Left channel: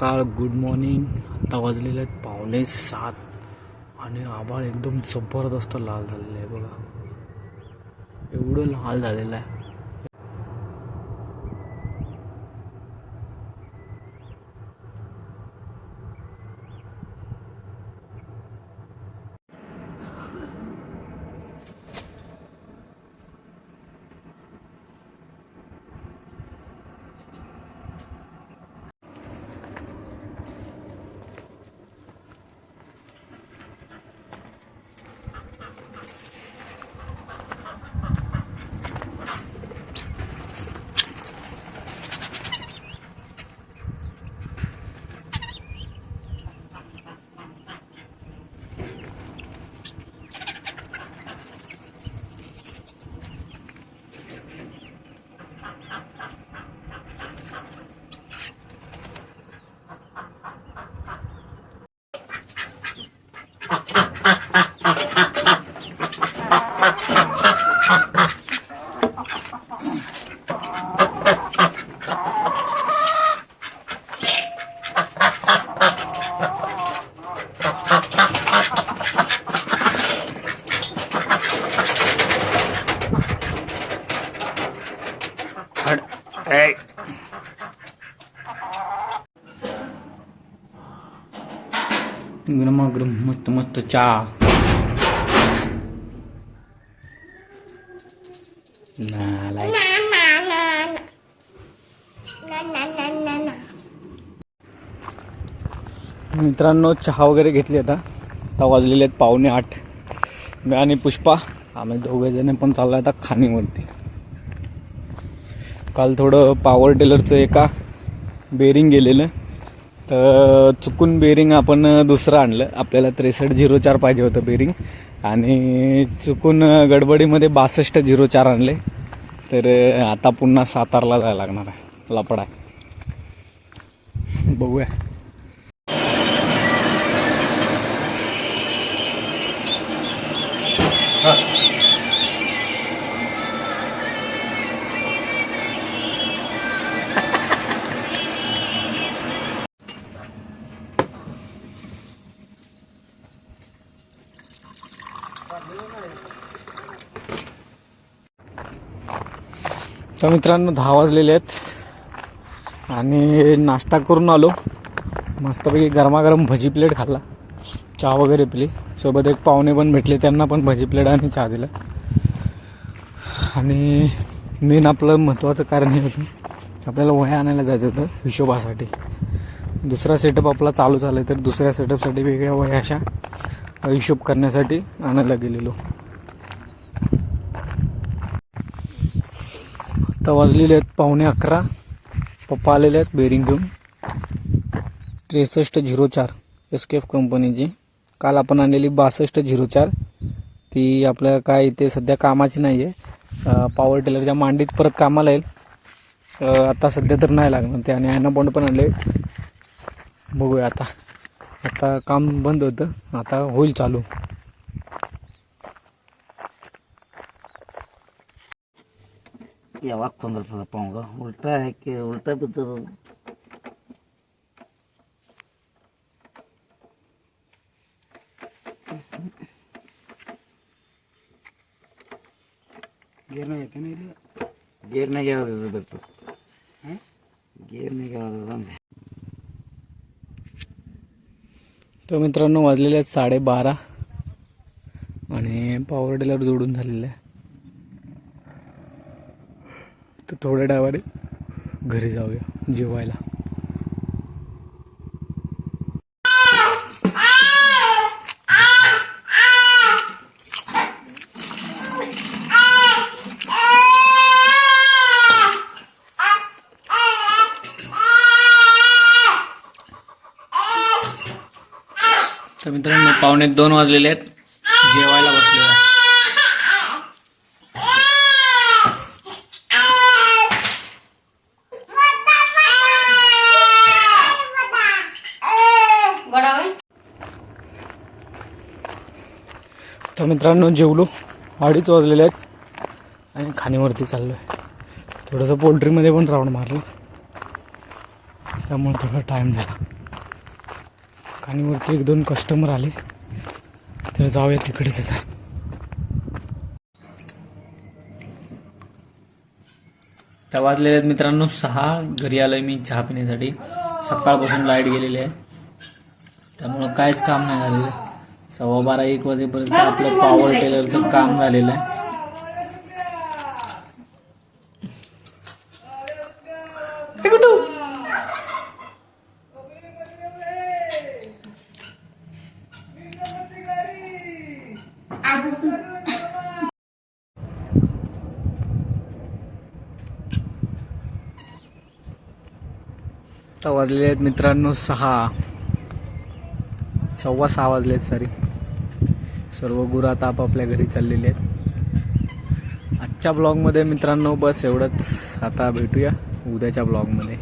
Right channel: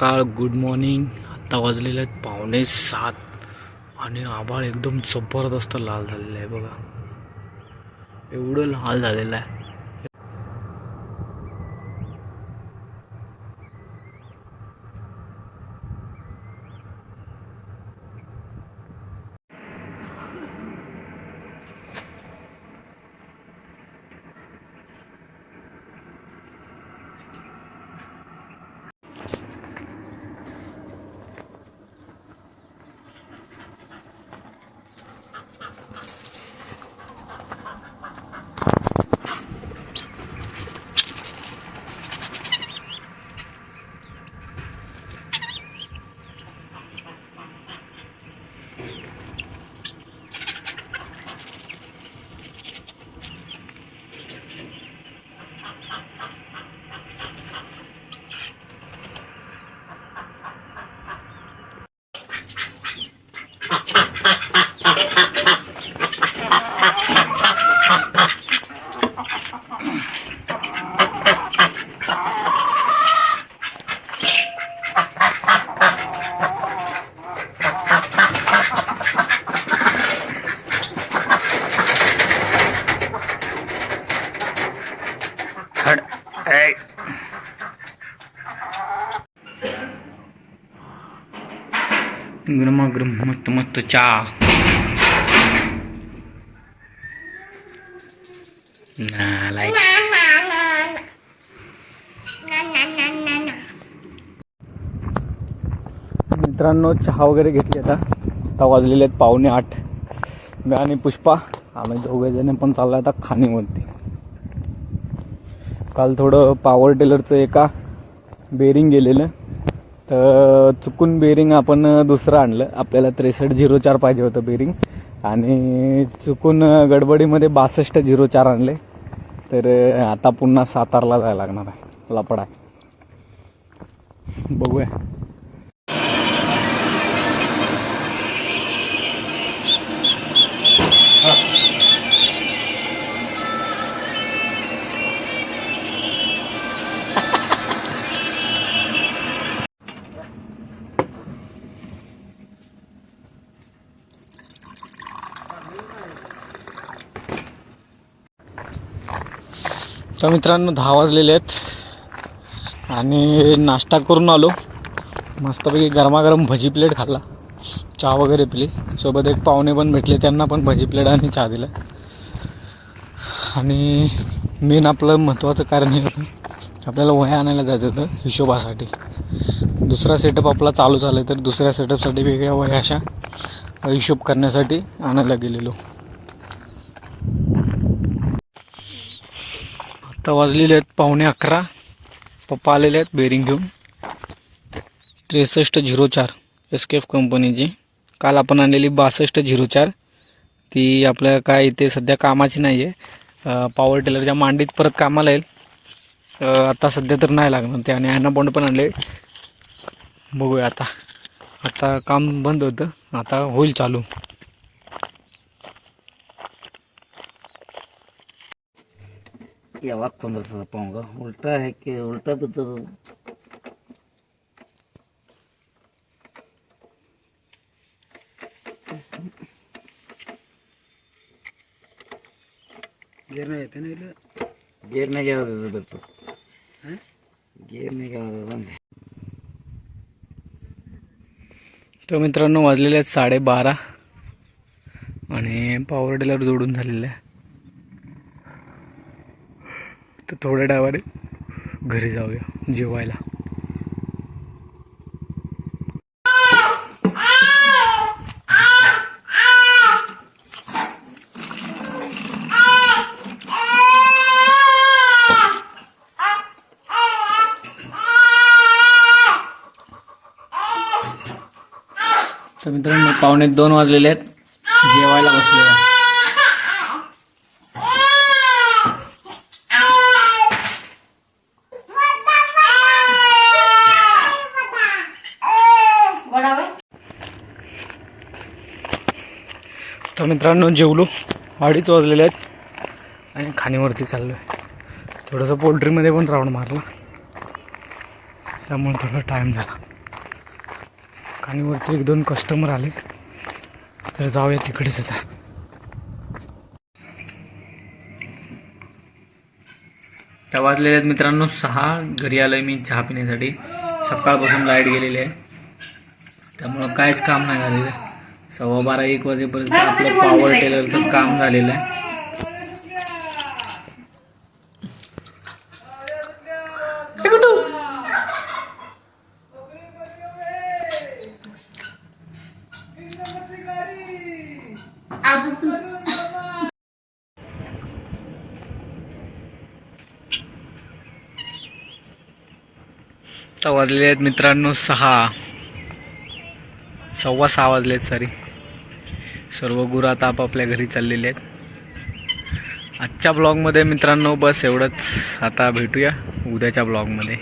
सकाळ good morning. आता वाजलेले आहेत 6:45 आणि आभाळ एकदम जबरदस्त लाल झालेलं आहे बघा. एवढं लाल झालेलं आहे. गरमागरम मस्त मस्त चहा. मित्रांनो चहा वगैरे घेतली. आता वाजलेले आहेत 7:45. मी आणि पुष्पा आम्ही दोघे जण पण चाललो आता खाणीवरती. काल थोडं पॉवर टिलरचं एका बेरिंग गेलेलं, तर चुकून बेरिंग आपण दुसरं आणलं. आपल्याला 6304 पाहिजे होतं बेरिंग आणि चुकून गडबडीमध्ये 6204 आणले. तर आता पुन्हा सातारला जायला लागणार आहे लपडा. बघूया. तर मित्रांनो 10 वाजलेले आहेत आणि नाश्ता करून आलो. मस्तपैकी गरमागरम भजी प्लेट खाल्ला, चहा वगैरे पिली. सोबत एक पाहुणे पण भेटले, त्यांना पण भजी प्लेट आणि चहा दिला. आणि मेन आपलं महत्त्वाचं कारण हे होतं, आपल्याला वह्या आणायला जायचं होतं हिशोबासाठी. दुसरा सेटअप आपला चालू झाला, तर दुसऱ्या सेटअपसाठी वेगळ्या वह्या अशा हिशोब करण्यासाठी आणायला गेलेलो. आता वाजलेले आहेत 11:15. पप्पा आलेले आहेत बेरिंग घेऊन. 6304 SKF कंपनीची. काल आपण आणलेली 6204 ती आपल्या काय इथे सध्या कामाची नाही आहे. पॉवर टिलरच्या मांडीत परत कामाला येईल. आता सध्या तर नाही लागणार ते. आणि ॲनाबॉन्ड पण आणले. बघूया आता काम बंद होतं, आता होईल चालू. यावाग तोंडाचा पाहूंगा उलटा है कि उलटा भी तो गियर नाही येते ना. गेर नाही घ्यावा बघतो. गेर नाही घ्यावा. तर मित्रांनो वाजलेले आहेत 12:30 आणि पॉवर टिलर जोडून झालेलं आहे. तर थोड्या डावाने घरी जाऊया जेवायला. तर मित्रांनो 1:45 वाजलेले आहेत, जेवायला बसलेलो आहे. तर मित्रांनो जेवलो, 2:30 वाजलेले आहेत आणि खाणीवरती चाललो आहे. थोडंसं पोल्ट्रीमध्ये पण राऊंड मारला. त्यामुळे थोडा टाईम झाला. आणि वरती 1-2 कस्टमर आले, तर जाऊया तिकडेच आता. त्या वाजलेले आहेत मित्रांनो 6. घरी आलोय मी चहा पिण्यासाठी. सकाळपासून लाईट गेलेली आहे, त्यामुळं काहीच काम नाही झालेलं. 12:15-1 वाजेपर्यंत आपलं पॉवर टेलरचं काम झालेलं आहे. आता वाजलेले आहेत मित्रांनो 6. 6:15 वाजलेत सॉरी. सर्व गुरं आता आपापल्या घरी चाललेले आहेत. आजच्या ब्लॉगमध्ये मित्रांनो बस एवढंच. आता भेटूया उद्याच्या ब्लॉगमध्ये.